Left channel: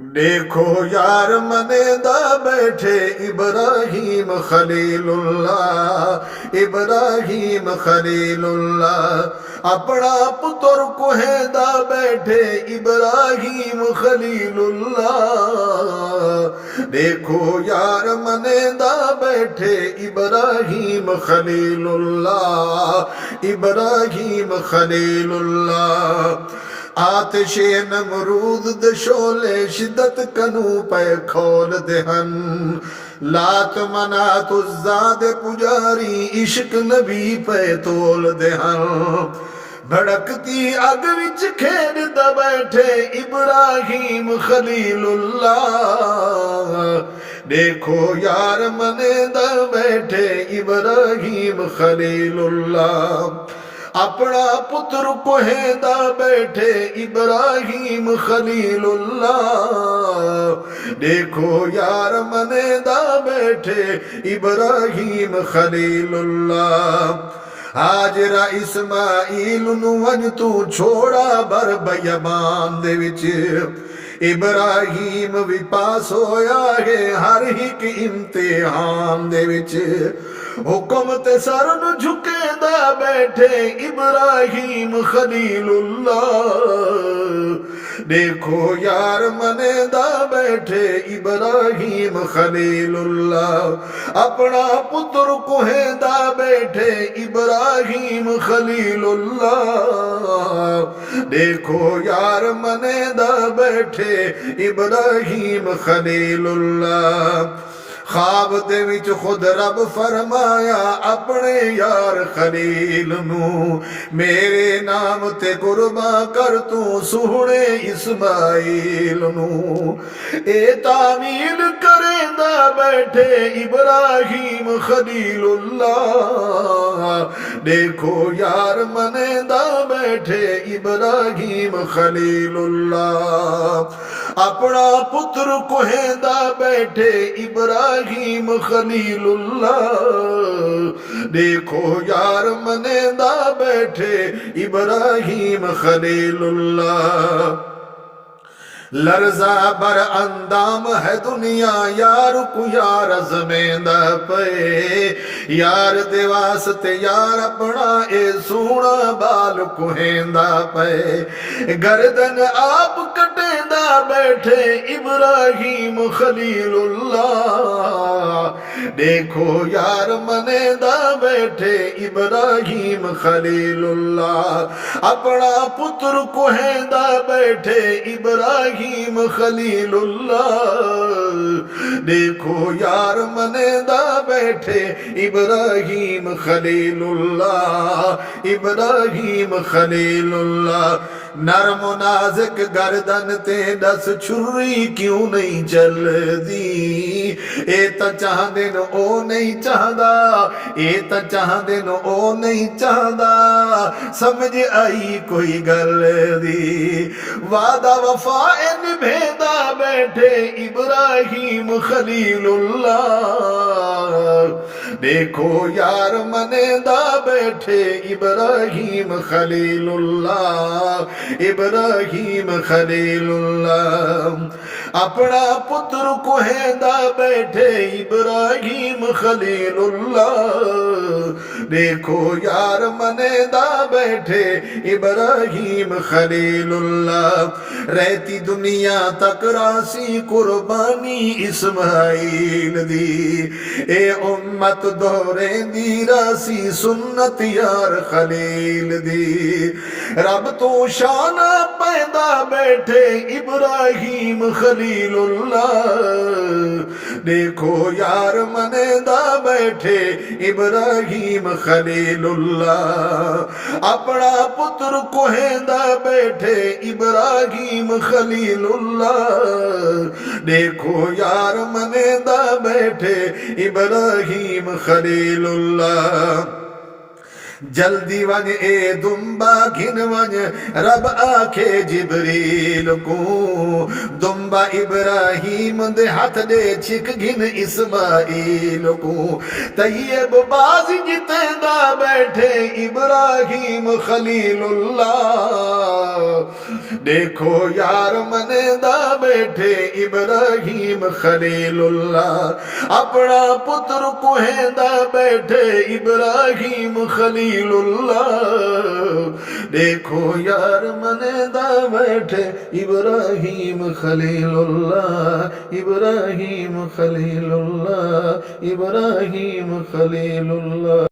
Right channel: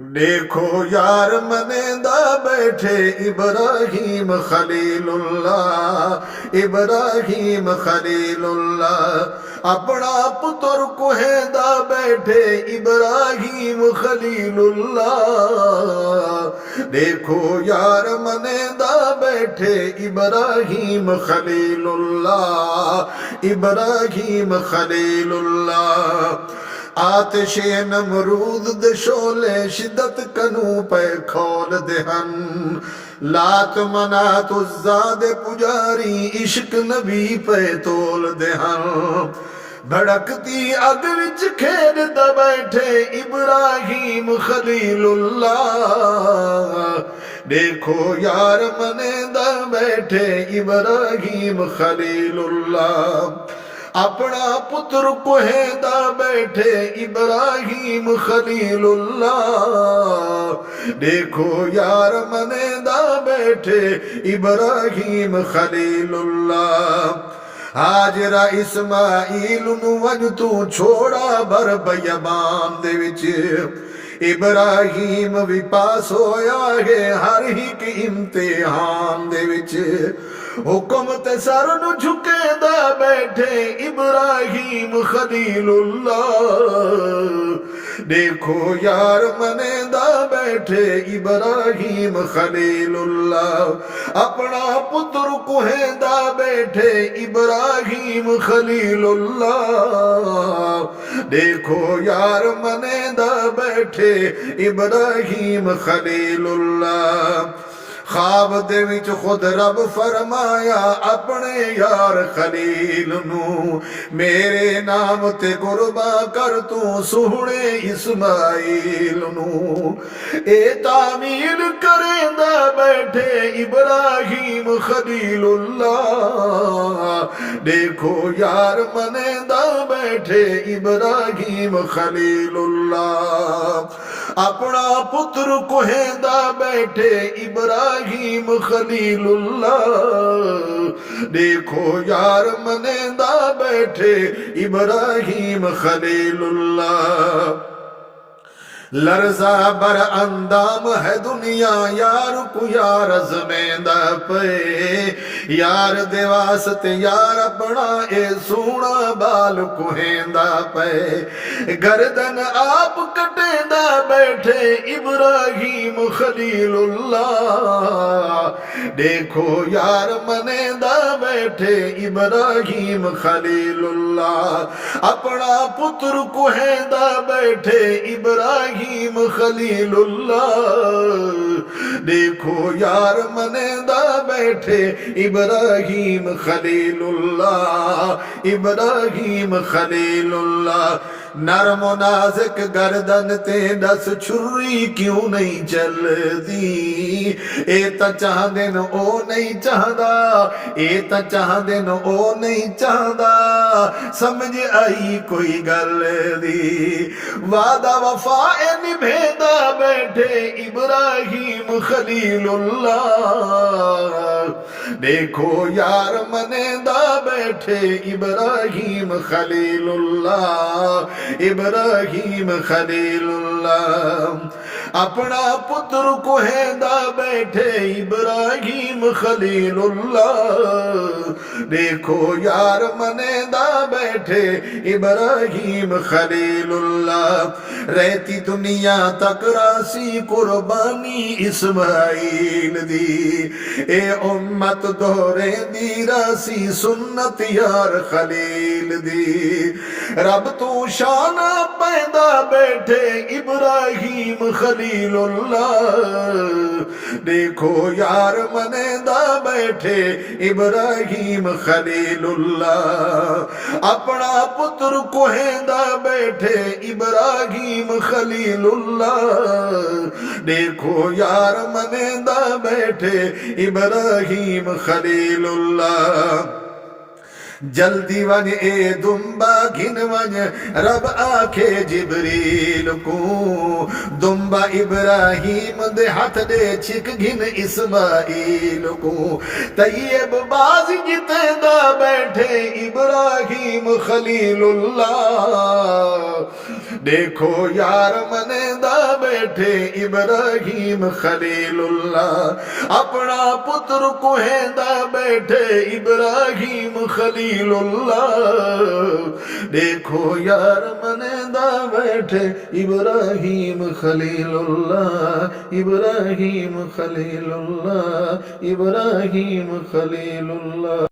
دیکھو یار منیندہ بیٹھے ابراہیم خلیل اللہ، ابراہیم خلیل اللہ، اپنا پتر کوہیندہ بیٹھے ابراہیم خلیل اللہ۔ دیکھو یار منیندہ بیٹھے ابراہیم خلیل اللہ، ابراہیم خلیل اللہ۔ آتش نمرود دشولے شدت کنو پہ کھول دہن، لات منات الزاد پجاری عشق نبی پہ تول دہن۔ بھڑکتی اگ وچ کھیڈ دا بیٹھے ابراہیم خلیل اللہ۔ دیکھو یار منے دا بیٹھے ابراہیم خلیل اللہ، اپنا پتر کوہیندہ بیٹھے ابراہیم خلیل اللہ۔ دیکھو یار منیندہ بیٹھے ابراہیم خلیل اللہ۔ ہاجرہ اسماعیل نو ون تو چھوڑا بر بیابان دے وچ، ابراہیم بھی پاس ہویا ہے ہر ایک امتحان دے وچ۔ حکم تے سر نو جھکے دا بیٹھے ابراہیم خلیل اللہ۔ دیکھو یار منے دا بیٹھے ابراہیم خلیل اللہ، اپنا پتر کوہیندہ بیٹھے ابراہیم خلیل اللہ۔ دیکھو یار منے دا بیٹھے ابراہیم خلیل اللہ۔ خواب دے وچ خود رب فرمایا اپنے یار خلیل نو، میرے نام تے قربان کر تو سہنے اسماعیل نو۔ اے تعمیل کریندہ بیٹھے ابراہیم خلیل اللہ۔ دیکھو یار منیندہ بیٹھے ابراہیم خلیل اللہ، اپنا پتر کوہیندہ بیٹھے ابراہیم خلیل اللہ۔ دیکھو یار منیندہ بیٹھے ابراہیم خلیل اللہ۔ لرزہ بر اندام ہے دنیا یار کو یار ازمیندہ پے، یار دے واسطے یار اپنا اے سونا بال کوہیندہ پے۔ گردن آپ کٹیندہ بیٹھے ابراہیم خلیل اللہ۔ دیکھو یار منیندہ بیٹھے ابراہیم خلیل اللہ، اپنا پتر کوہیندہ بیٹھے ابراہیم خلیل اللہ۔ دیکھو یار منیندہ بیٹھے ابراہیم خلیل اللہ، ابراہیم خلیل اللہ۔ نرم و نازک گردن تے دس چھری کیوں نہیں چل دی، اے تا چاہدے نو او نہیں چاہدا، اے تا چاہدے نو او نہیں چاہدا، سمجھ آئی کوئی گل دی۔ وعدہ وفا نبھیندہ بیٹھے ابراہیم خلیل اللہ۔ دیکھو یار منیندہ بیٹھے ابراہیم خلیل اللہ، ابراہیم خلیل اللہ۔ اپنا پتر کوہیندہ بیٹھے ابراہیم خلیل اللہ۔ دیکھو یار منیندہ بیٹھے ابراہیم خلیل اللہ۔ رہتی دنیا تک راسی قربانی اسماعیل دی، اے امت دورے دی راسی سنت یار خلیل دی۔ رب تو شان پیدا بیٹھے ابراہیم خلیل اللہ۔ دیکھو یار منیندہ بیٹھے ابراہیم خلیل اللہ، اپنا پتر کوہیندہ بیٹھے ابراہیم خلیل اللہ۔ دیکھو یار منیندہ بیٹھے ابراہیم خلیل اللہ۔ جلدی ون اے دمبا گھن ون رب آکھے جبریل کو دمبا ابراہیم دے ہاتھ دے چھک گھن اسماعیل کو طیب باز جتے دا بیٹھے ابراہیم خلیل اللہ دیکھو یار منے دا بیٹھے ابراہیم خلیل اللہ اپنا پتر کوہیں دا بیٹھے ابراہیم خلیل اللہ دیکھو یار منے دا بیٹھے ابراہیم خلیل اللہ ابراہیم خلیل اللہ ابراہیم خلیل اللہ